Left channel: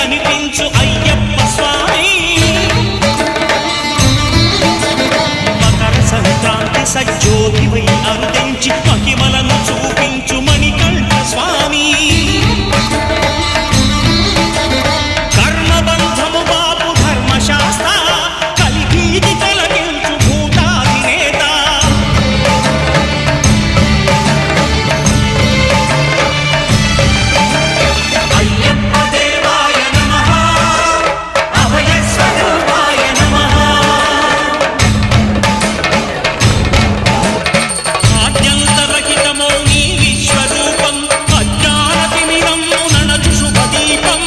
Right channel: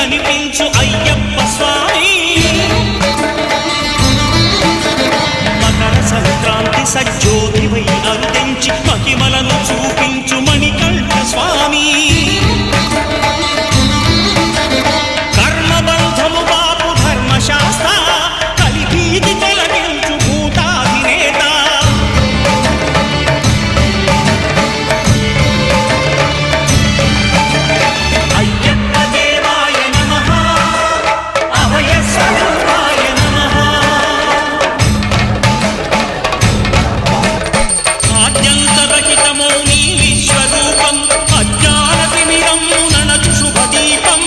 కనిపించు అయ్యప్ప స్వామి మకర సంక్రాంతి సజ్జోతివై అరుదెంచి మహిమలను చూపించు మణికంఠ స్వామి కర్మబంధము బాపు ధర్మశాస్త్ర కలిభీతి తొలగించు భూతాధినేత అయ్యప్ప దేవాయ నమః అభయ స్వరూపాయ నమః ఆద్యంతరహితమౌ నీ విశ్వరూపం అజ్ఞానతిమిరము నణచు శుభదీపం